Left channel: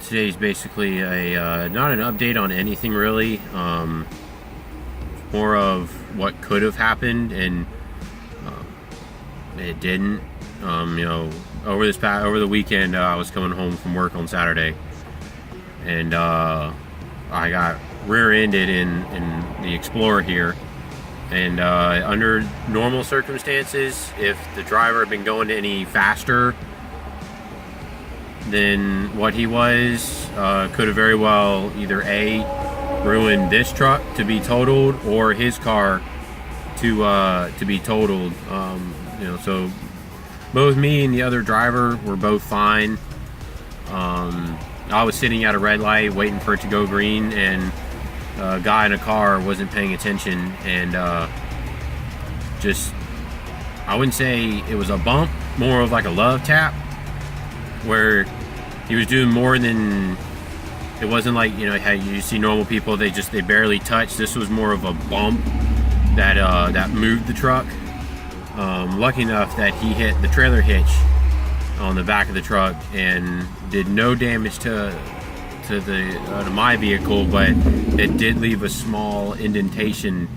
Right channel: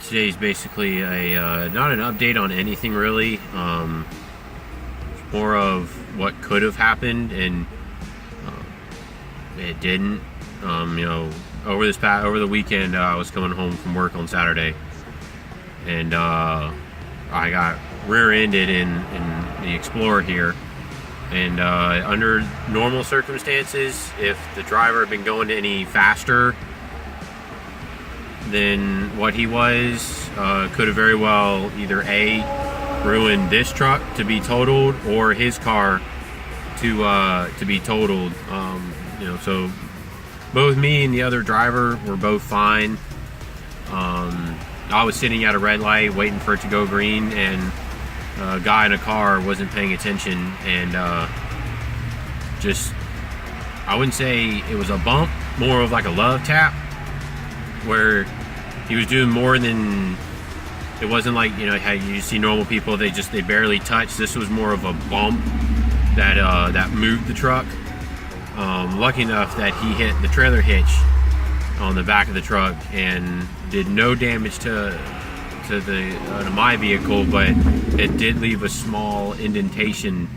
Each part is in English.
Today's basically a not an update on anything really. More of what could have happened and it didn't. Over the weekend, I was coming home from work on Saturday, and I got rear-ended in the Explorer here. And under normal circumstances, if the driver had been going any faster than what he was, could have very well either A, ruined this truck to be totaled, or his car to be totaled. So both me and the other driver were both fine. I was sitting at a red light waiting for it to go green, and a guy in a car wasn't paying attention, and I wouldn't say it was a bump, more of like a love tap, where he was doing more than, it wasn't like, how you see normal people, they barely touch. This was more of a bump that moved the truck. Lucky enough that he hit the trailer hitch on the back of the truck and did no damage to my vehicle, but it did leave a small indentation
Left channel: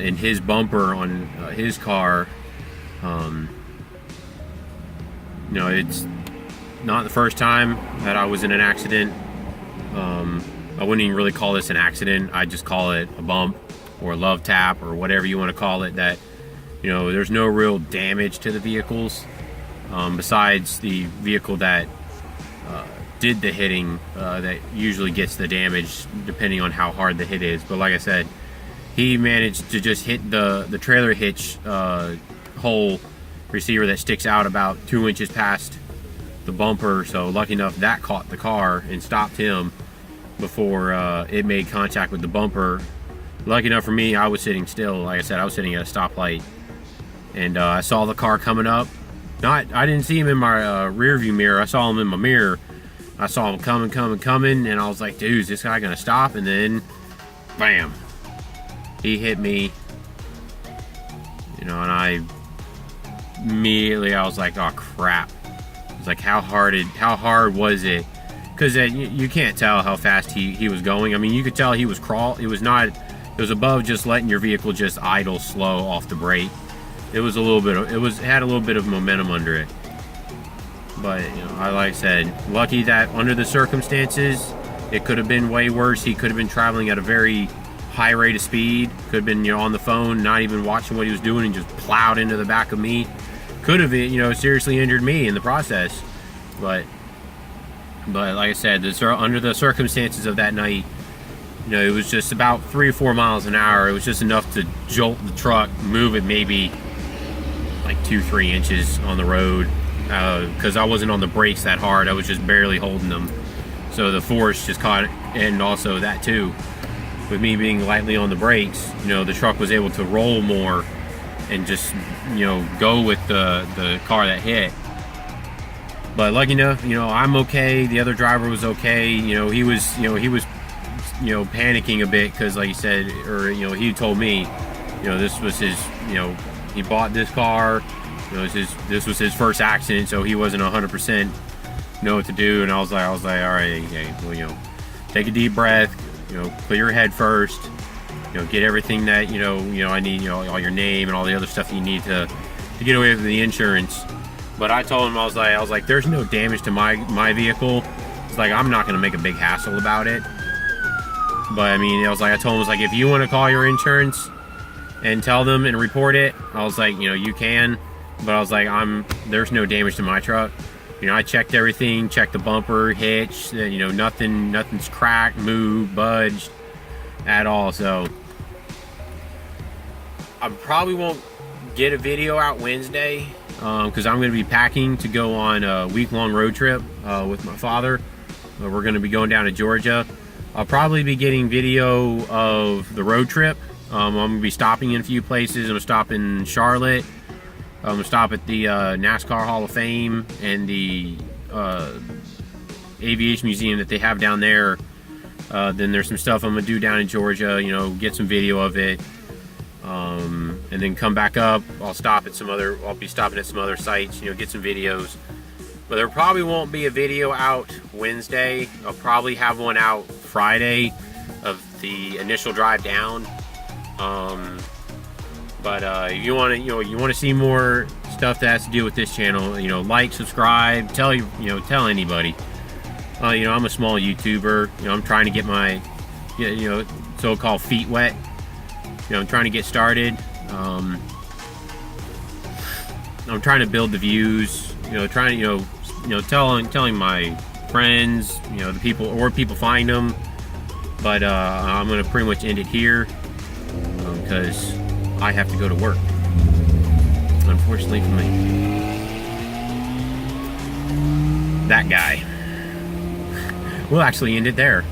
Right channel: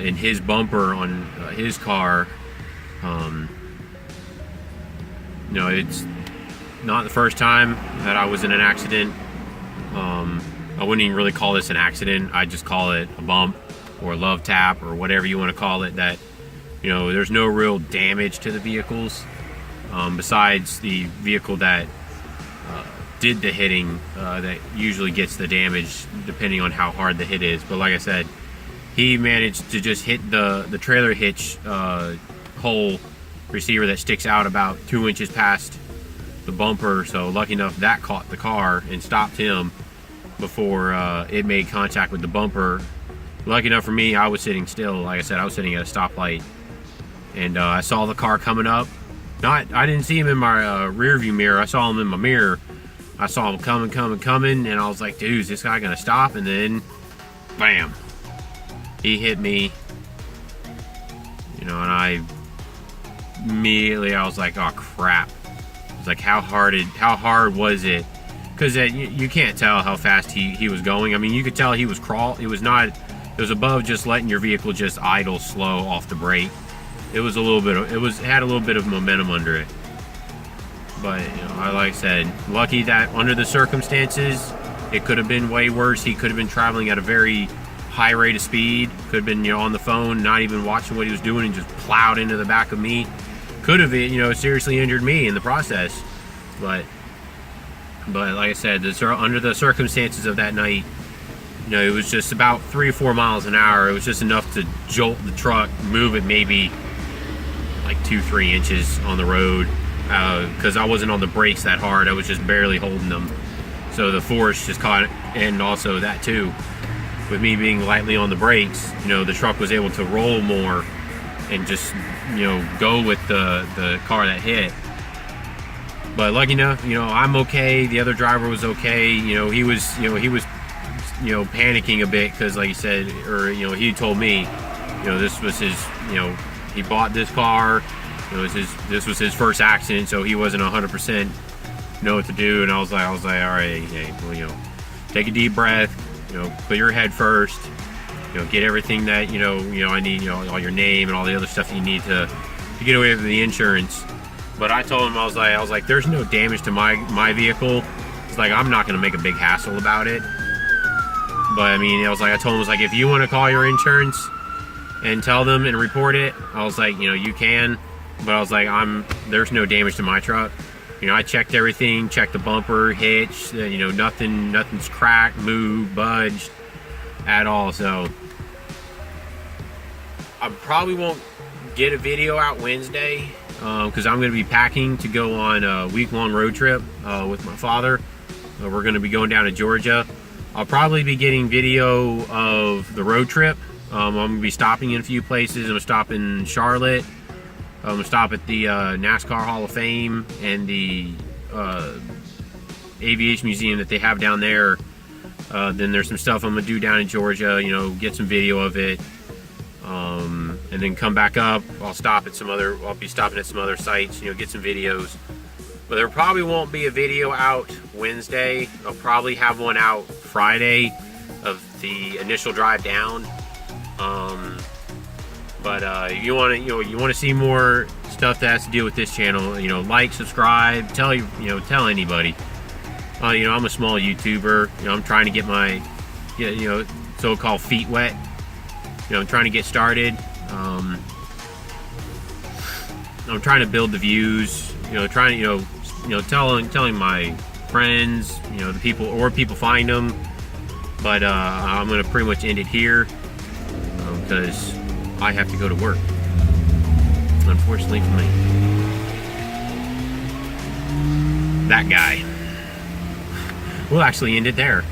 in his bumper on his car. It's not the first time that I was in an accident. I wouldn't even really call this an accident. I just call it a bump or a love tap or whatever you want to call it. That there's no real damage to the vehicles, besides the vehicle that did the hitting, that usually gets the damage depending on how hard the hit is. But like I said, he managed to just hit the trailer hitch hole receiver that sticks out about 2 inches past the bumper. So lucky enough that caught the car and stopped him before it made contact with the bumper. Lucky enough for me, I was sitting still. Like I said, I was sitting at a stoplight, and I saw the car coming up. I didn't see him in my rear view mirror. I saw him in my mirror. I saw him coming, and I was like, dude, is this guy gonna stop? And then, bam, he hit me. And I immediately, I was like, oh crap. I was like, how hard was it? Because you can't tell how fast he was going. I mean, you could tell he was It was above just letting your vehicle just idle slow off the brake. It was it had a little bit of momentum under it. But like I said, lucky that under the circumstances, it could have been way worse. He could have been traveling at a very high rate of speed. Could have been on the phone, not even watching what he was doing, and just plowed into the back of me. Could have seriously injured me in the process. But like I said, under the circumstances of that night, it was just about 3 or 4 miles an hour. It was just enough to jolt the truck, move it maybe like 2-3 inches on the road, because I wasn't on the brakes that hard. I was just barely holding them, so the force just caught it. And also that too, with me being lightly on the brakes, the truck was able to roll more and just go with the car that hit. But lucky enough, I'm okay. The other driver was okay. He was panicking a bit, because like he said, or he told me, this was his, he bought this car, this was his first accident, so he wasn't 100% know what to do. And I was like, all right, hey, well, take a deep breath, clear your head first, get everything that I need, all your name and all the other stuff you need to get away with the insurance. But I told him, I was like, there's no damage to my vehicle. It's like, I'm not gonna make a big hassle about it. But I mean, I told him, if you want to call your insurance and tell them and report it, I was like, you can. But I was like, there's no damage to my truck. I checked everything, checked the bumper, hitch, nothing's cracked, moved, budged at all. So I probably won't get a video out Wednesday, because I'm going to be packing to go on a week-long road trip with my father. We're going to be going down to Georgia. I'll probably be getting video of the road trip. I'm going to be stopping in a few places. I'm going to stop in Charlotte. I'm going to stop at the NASCAR Hall of Fame and the aviation museum that they have down there. Then there's some stuff I'm going to do down in Georgia, get some video of it. And then come back up. I'll be stopping at some other sites, get some videos. But there probably won't be a video out Wednesday. I'll probably have one out Friday of the initial drive down. But if you want to, you want to see more stuff that has to do with this channel, like, subscribe, tell anybody. I'm a small YouTuber. I'm trying to get my, so-called feet wet. I'm trying to get started. I'm trying to build the views. Telling my friends, the people, or people find them. But I'm gonna pretty much end it here because I have to go to work. Unfortunately for me. That guy. We'll actually end it there.